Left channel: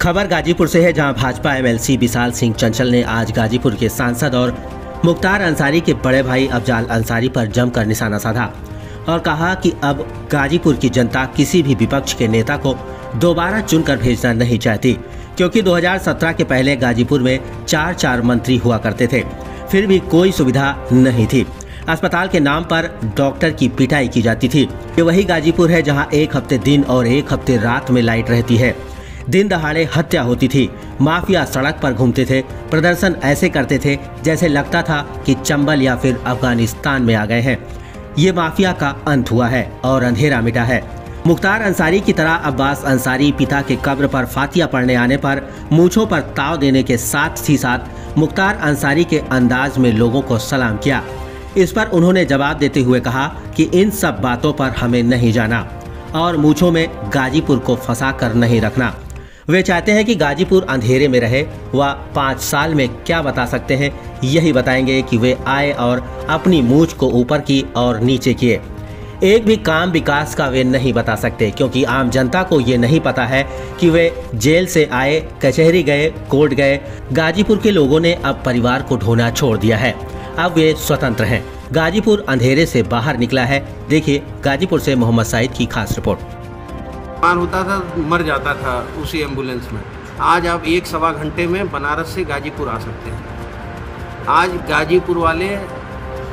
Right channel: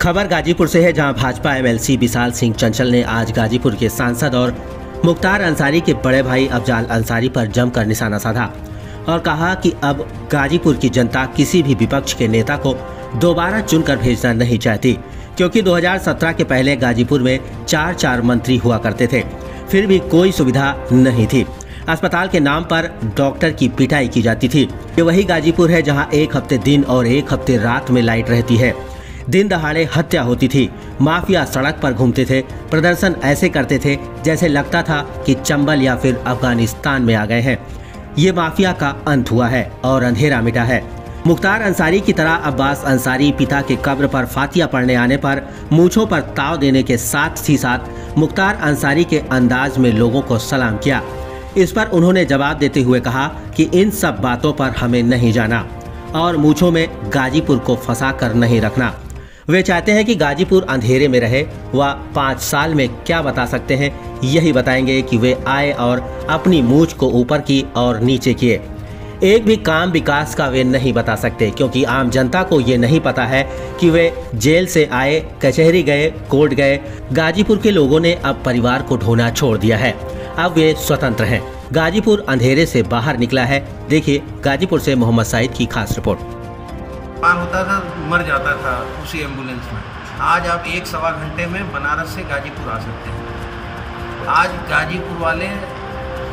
खबर गाजीपुर से है, जहां भाजपा एमएलसी विशाल सिंह चंचल ने आज गाजीपुर के सांसद और मुख्तार अंसारी के बड़े भाई अफजाल अंसारी पर जमकर निशाना साधा और कहा कि अब गाजीपुर की जनता किसी भी विपक्ष के नेता को दोबारा चुनकर भेजना नहीं चाहती, क्योंकि 2017 के पहले गाजीपुर में 4 मंत्री हुआ करते थे, फिर भी कोई सुविधा नहीं थी। अस्पताल के नाम पर डॉक्टर की पिटाई की जाती थी। ये वही गाजीपुर है जहां एक हफ्ते दिन और एक हफ्ते रात में लाइट रहती है। दिन दहाड़े हत्या होती थी, माफिया सड़क पर घूमते थे, प्रदर्शन ऐसे करते थे जैसे लगता था कि चंबल या फिर अफगानिस्तान में आ गए हैं। ये माफिया का अंत हुआ है और अंधेरा मिटा है। मुख्तार अंसारी की तरह अब्बास अंसारी पिता के कब्र पर फातिया पढ़ने आने पर मूंछों पर ताव देने के साथ ही साथ मुख्तार अंसारी के अंदाज में लोगों को सलाम किया। इस पर उन्होंने जवाब देते हुए कहा कि इन सब बातों पर हमें नहीं जाना और मूंछों में गाजीपुर को फंसा कर नहीं रखना। वे चाहते हैं कि गाजीपुर अंधेरे में रहे। वह 5 साल में क्या बता सकते हैं, यही बताएंगे कि वे आए और अपनी मूंछ को ऊपर की और नीचे किए। एक भी काम विकास का वे नहीं बता सकते, क्योंकि आम जनता को ये नहीं पता है कि वे जेल से आए, कचहरी गए, कोर्ट गए। गाजीपुर के लोगों ने अब परिवार को ढोना छोड़ दिया है। अब वे स्वतंत्र हैं। गाजीपुर अंधेरे से बाहर निकला है। देखिए गाजीपुर से मोहम्मद साइद की खास रिपोर्ट। होता था, मर जाता था उसी एम्बुलेंस में। आज आप 1-1.25 घंटे में बनारस से गाजीपुर आ सकते हैं। आज गाजीपुर वाले,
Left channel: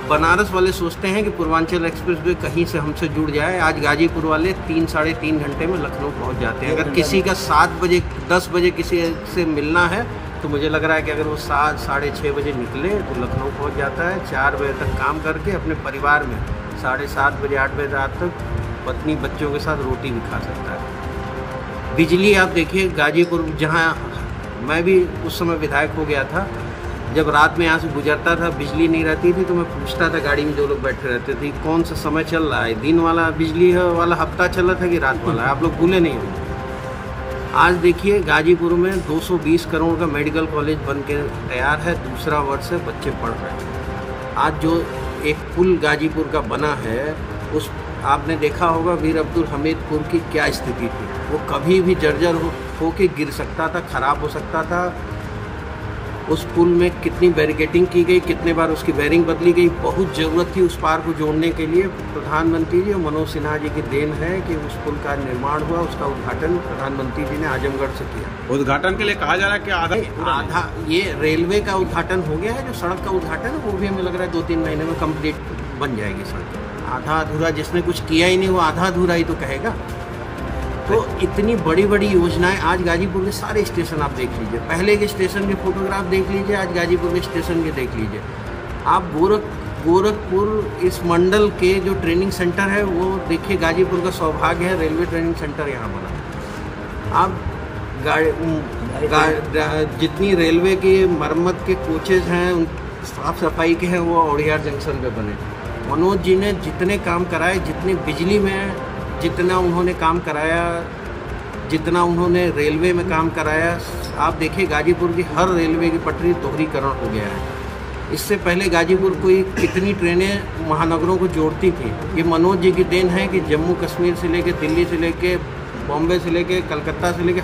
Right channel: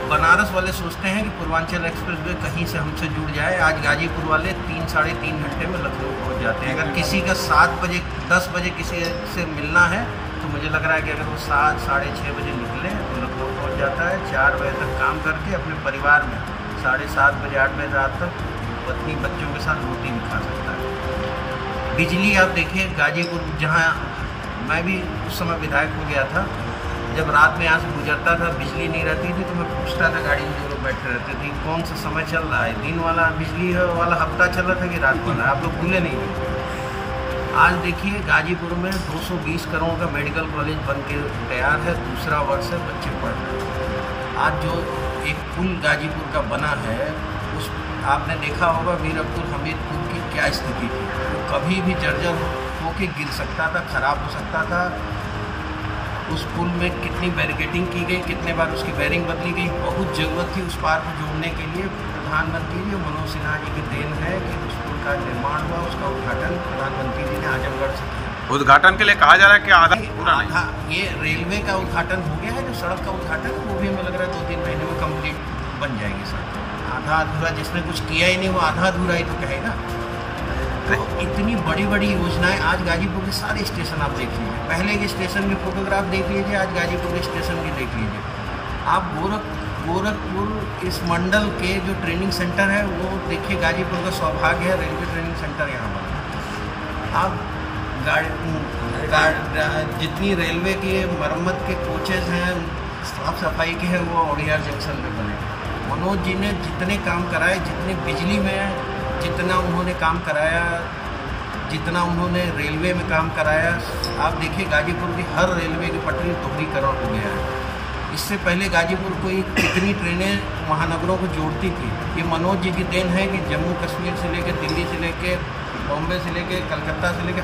बनारस वाले सोचते हैं कि पूर्वांचल एक्सप्रेसवे कहीं से हमसे जुड़ जाए। आज गाजीपुर वाले 3-3.5 घंटे में लखनऊ पहुंच जाते हैं। अगर किसी का 7 बजे 10 बजे किसी से मिलना है तो मुझे लग रहा है कि अगर वो 7-6:30 बजे निकले तो लखनऊ पहुंच जाता है। 4 बजे तक काम करके अपने परिवार में 7:30 बजे 8 बजे रात तक पत्नी बच्चों के साथ रोटी भी खा सकता है। बिजली आप देखिए, गाजीपुर जहां मैं भी उस समय विधायक हो गया था, जब रात में यहाँ से गुजरता था बिजली नहीं रहती थी तो मैं पूछता था, गाड़ी में 2 लोग बैठे रहते थे, कौन सा समय चल रहा है, दिन वाला बिजली वाला हफ्ता चल रहा था कि रात वाला। आप लोग भूले नहीं होंगे। आज देखिए गाजीपुर में 220 करोड़ का मेडिकल कॉलेज बन के तैयार है, दूसरा वर्ष है, बच्चे पढ़ रहे हैं। आज जो एक पुल गाजीपुर का बना है, उस आपने देखा होगा वीर अब्दुल हमीदपुर की क्या स्थिति थी। वो कभी भी जर्जर होके गिर सकता था, खराब हो सकता था। उस पुल में कितनी बैरिकेडिंग की गई, कितने बार उसकी बैरिंग बदली गई। बहुत ज़रूरत थी उस पार को जोड़ने के लिए। प्रधानमंत्री जी मनोज सिन्हा जी की देन है कि उस पुल का निर्माण हुआ। उसका उद्घाटन प्रधानमंत्री जी ने आजमगढ़ से किया। उद्घाटन के लिए कहा जा रहा है कि आधा ये रेलवे का उद्घाटन हो गया है। जो सड़क का उद्घाटन है वो भी हमें लग रहा है 2-3 महीने में कम्प्लीट बन जाएगी सड़क। आधा अधूरा जिसने कुछ किया ही नहीं वो आधा अधूरा ही तो कहेगा। तो इतनी बड़ी बड़ी योजनाएं, आज गाजीपुर के सारे स्टेशन आप देख लीजिए, पहले के स्टेशन के फोटोग्राफ देख लीजिए, आज गाजीपुर के स्टेशन के देख लीजिए। आप गोरखपुर इस मंडल के जो ट्रेनिंग सेंटर है वो देखिए, गाजीपुर का सौभाग्य है, रेलवे ट्रेनिंग सेंटर यहाँ बना। आप जितनी रेलवे की मरम्मत के कोचेज हैं, साफ सफाई के हैं, वो औड़ियार जंक्शन पे बने। मनोज जी ने जितने काम कराए, जितने बिजली में जितना उन्होंने काम कराया, जितना उन्होंने रेलवे में काम कराया, आप देखिए गाजीपुर की हर रेलवे की पटरी दोहरीकरण हो गया है। इससे पहले गाजीपुर कोई कितनी ट्रेनें महानगरों को जोड़ती थी। ये मनोज जी की देन है कि जम्मू कश्मीर से लेके, दिल्ली से लेके, बॉम्बे से लेके, कलकत्ता से लेके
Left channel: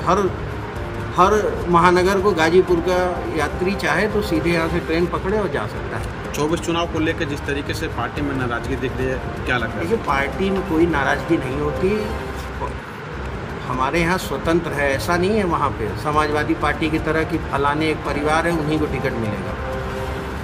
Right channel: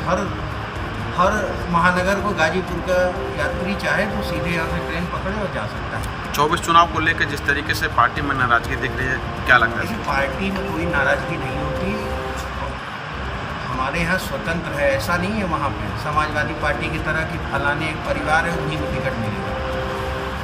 हर महानगर को गाजीपुर का यात्री चाहे तो सीधे यहाँ से ट्रेन पकड़े और जा सकता है। 24 चुनाव को लेकर जिस तरीके से पार्टी में नाराजगी दिख रही है, क्या लगता है? देखिए पार्टी में कोई नाराजगी नहीं होती। हमारे यहाँ स्वतंत्र है, ऐसा नहीं है वहाँ पे समाजवादी पार्टी की तरह कि फलाने एक परिवार है उन्हीं को टिकट मिलेगा।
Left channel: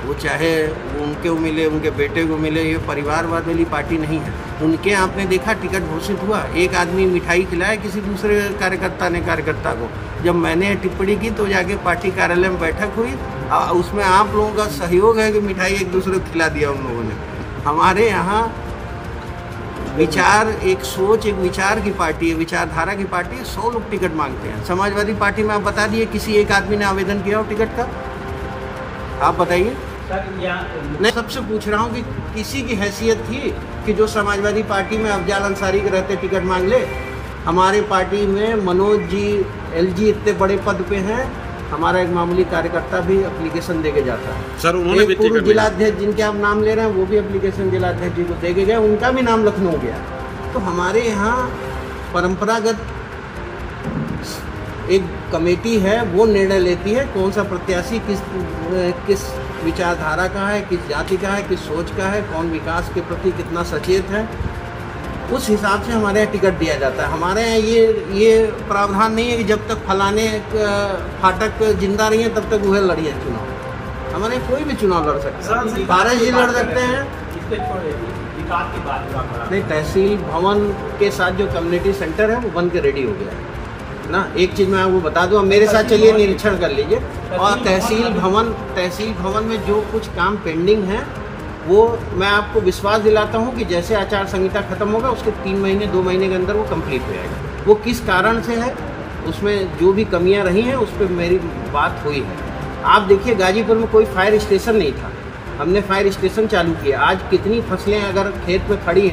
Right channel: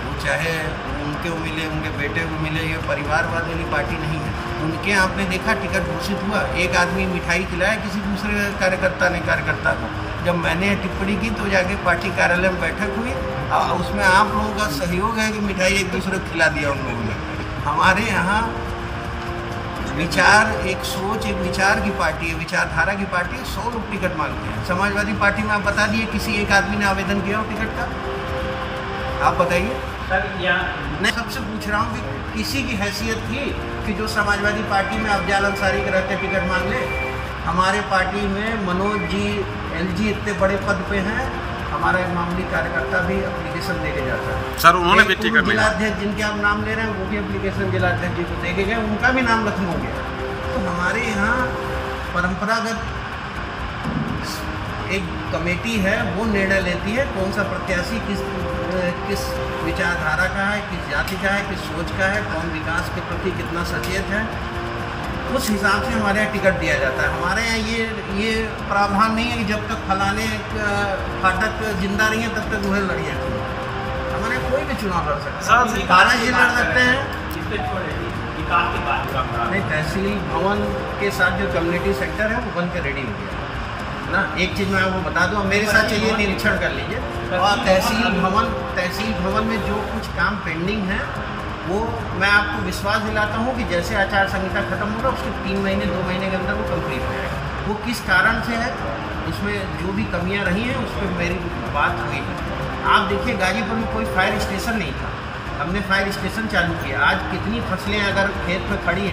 वो चाहे उनके को मिले, उनके बेटे को मिले, ये परिवारवाद वाली पार्टी नहीं है। उनके आपने देखा टिकट घोषित हुआ, एक आदमी मिठाई खिलाया किसी दूसरे कार्यकर्ता को। जब मैंने टिप्पणी की तो जाके पार्टी कार्यालय में बैठक हुई, उसमें आप लोगों का सहयोग है कि मिठाई एक दूसरे को खिला दिया उन लोगों ने। हमारे यहाँ विचार, एक सोच, एक विचार की पार्टी है, विचारधारा की पार्टी है। 100 लोग टिकट मांगते हैं। समाजवादी पार्टी में आप बता दिए किसी एक आदमी ने आवेदन किया हो टिकट का? आप बताइए। मैं सबसे पूछ रहा हूँ कि किसी की हैसियत थी कि जो समाजवादी पार्टी में अफजाल अंसारी के रहते टिकट मांग ले? हमारे पार्टी में मनोज जी, एलजी इतने बड़े पद पे हैं, हमारा एक मामूली कार्यकर्ता भी एप्लीकेशन देके जाता है। सर उन्होंने भी टिकट, जिलाध्यक्ष जिनके आप नाम ले रहे हैं वो भी एप्लीकेशन जिलाध्यक्ष जी को देके गए, उनका भी नाम लखनऊ गया। तो हमारे यहाँ परंपरागत एक कमेटी है वो निर्णय लेती है कौन सा प्रत्याशी किस विचारधारा का है, किस जाति का है, किस सोच का है, कौन विकास के प्रति कितना सचेत है, उस हिसाब से हमारे यहाँ टिकट दिया जाता है। हमारे यहाँ ये प्रावधान नहीं है कि जब तक फलाने फाटक जिंदा रही है तब तक वह लड़िए चुनाव। हमारे कोई भी चुनाव लड़ सकता है, भारत जी लड़ सकते हैं। नहीं, तहसील भवन के साथ जो कम्युनिटी सेंटर है वो बन के रेडी हो गया ना। एक चीज़ मैं आपको बता दूं, मेरे साथ चलिए निरीक्षण कर लीजिए। और तहसील भवन में जो कुछ काम पेंडिंग है वो मैं आपको विश्वास दिलाता हूं कि जैसे आचार संहिता खत्म होगा उसके 3 महीने 2 महीने के अंदर वो कंप्लीट हो जाएगा। वो किस कारण से है, उसमें जो भी कमियां रही हैं उस पर मेरी बात हुई है। आप देखिए गाजीपुर में कोई फायर स्टेशन नहीं था, हमने फायर स्टेशन चालू किया। आज कितनी फसलें अगर खेत में खड़ी हैं